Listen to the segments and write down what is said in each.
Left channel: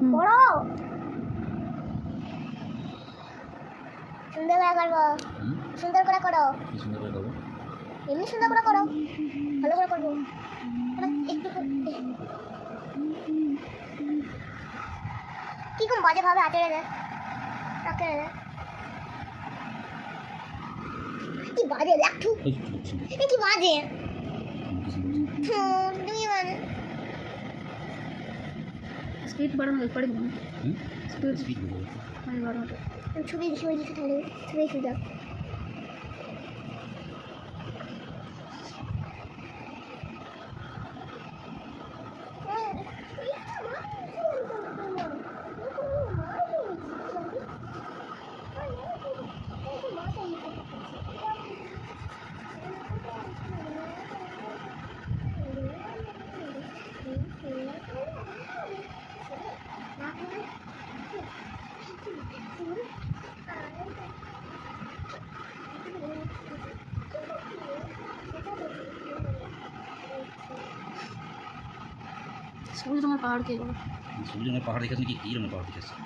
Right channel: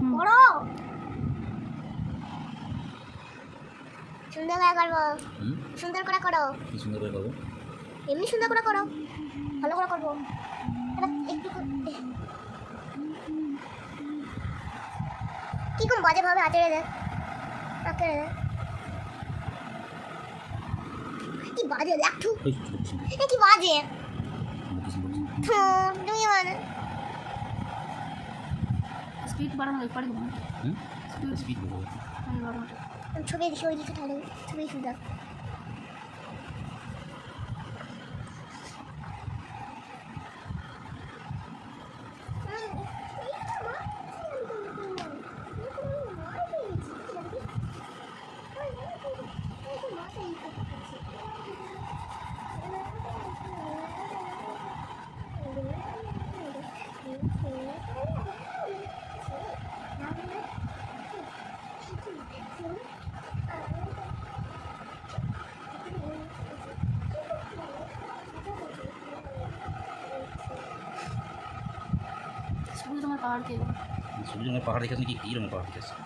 করো সুন্দর করে করবো সুন্দর করে করো সুন্দর করে করবো এমনি সুন্দর করে করো ভালো করে করবো একটু কিরকম বাজে ভাবে হাতে রে রাখে রে কি বাজে দেখো কি বাজে তুমি মানে স্পিড বাড়ানো পড়ে স্পিড বাড়ানো ছবি দিকে তাহলে ছবি সুন্দর সবুজ রঙের পাহাড় কে বলে সবুজ রঙের পাহাড় দেখেছেন কি কী রঙের পাহাড় দেখেছেন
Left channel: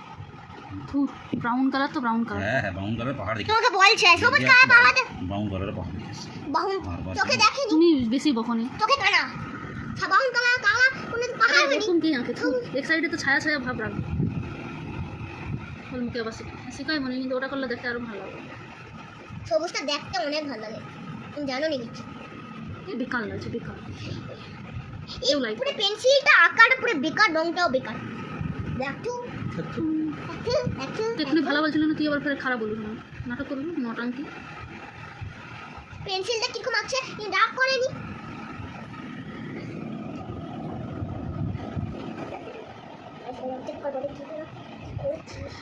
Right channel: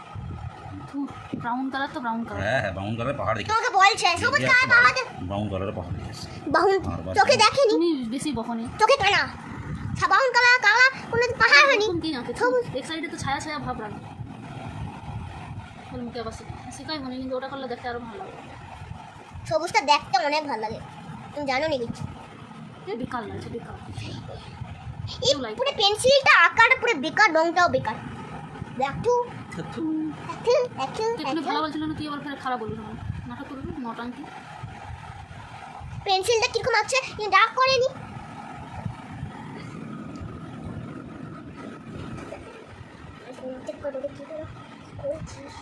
ব্রাউন কালার তো ব্রাউন কালার হ্যাঁ ব্রাউন কালারের পাহাড় দেখেছি তোমাকে বলছে সবুজ কালার পাহাড় ব্রাউন কালারের পাহাড় দেখেছি বাহুন চোখে দেখেনি তুমি বেশি বকনি চোখে কানা বাহুন কালার কালা কোনো পাহাড় হয়নি কি আঁকে এক সাইডে তো ছায়া ছায়া ভাব রাখবে মুখে আবার শিখাই মনে কিন্তু ওটা করলে দেখতে আরো ভালো লাগবে সবুজটা দেখতে অনেক ভালো লাগে তুমি জানো নি কিছু বেকার লাগছে বেকার এই পুরো পেন্সিলটা আঁকাটা পুরো বেকার রংটাও বেকার দেখো এখানে ভালো বলছিল না তুই আবার ফের খারাপ বলবি না নাটক করবি নটাঙ্কি পেন্সিলটা কিরকম আছে ডার্ক করেনি চেক করবো দেখি করছিস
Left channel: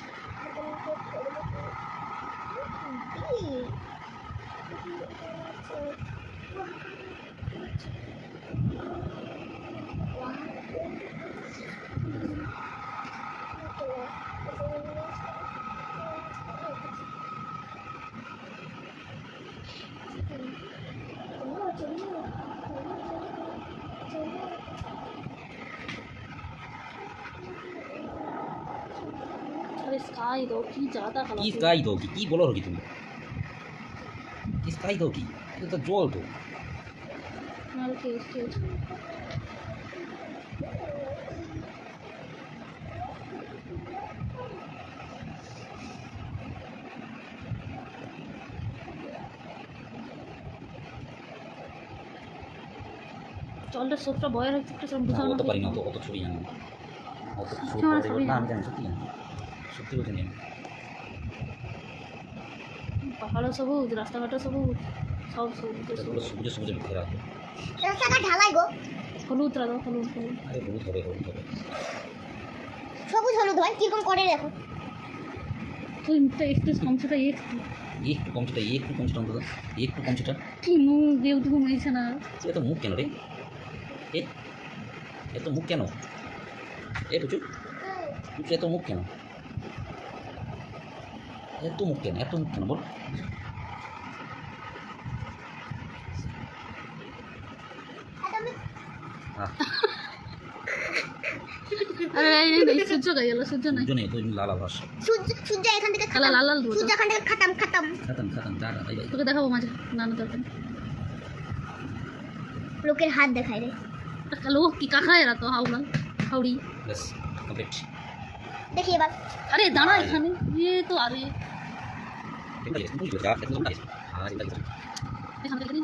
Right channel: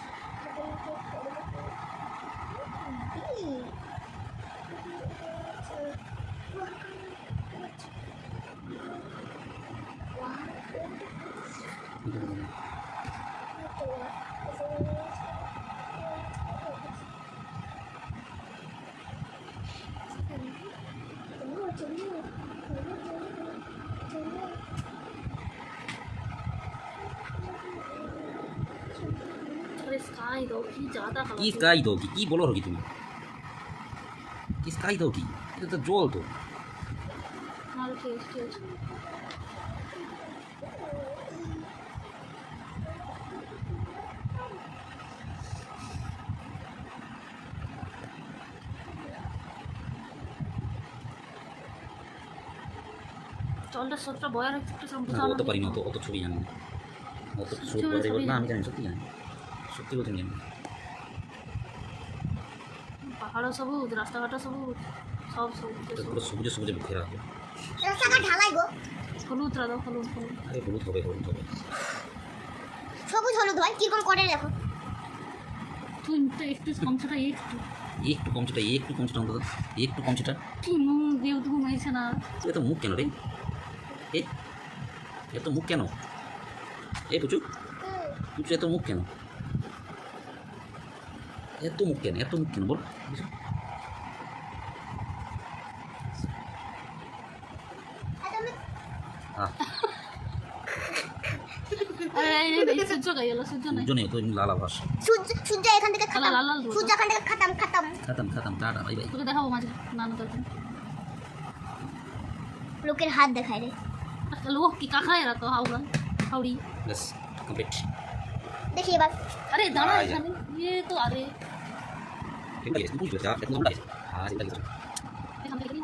अरे स्काई दो की ज़्यादा কি खराब স্কাই दोगी কি বলো রকি তুমি কি স্কাই दोगी এটা তো জল তো माल खेच खेच চলটা সবটা বয়ার একটু সব না, বুঝানো অত পারি না অত ছবি জানি না অত ছবি ছবি পারি না আমি জানি। জানি সত্যি জানি সত্যি বলছি জানি পাহাড় সবুজ রাস্তাঘাট সবুজ সব সবুজ এটা পুরো সবুজে সবুজে ঘেরা আছে রাস্তাটা ঢালাই গো হলুদ রাধা হলুদ হলুদ আরে হলুদ হবে হলুদ হবে সবুজ হলুদ হয় কিরকম করে দেখো তুই মুখটা একটু কমছেটা একটু কমছেটা অন্তত একটু কমছেটা কি মুখ দিয়ে ঘুমাইছে না এত মুখ কেন রে এত মুখ কেন পুচু এত মুখ কেন এত মুখ কেন বল আরে এই সূর্য গাই এলো সূর্য নাই দুজনে তো লাল আবাস সূর্য এখান থেকে লাল লাল লাল সূর্য এখান থেকে খাতাম খাতাম টাটা বাই বাই তোকে দেখাবো মাঝে নানা তোকে লোকের হাত দেখায় রে লোক কি কাকা এরা তো হাওড়া হাওড়ি বাস কমপ্লিট দেখি এবার আরে দাঁড়া এখানে ये तो अरे ঠিক আছে বুঝতে পারছি আর এটা এখান থেকে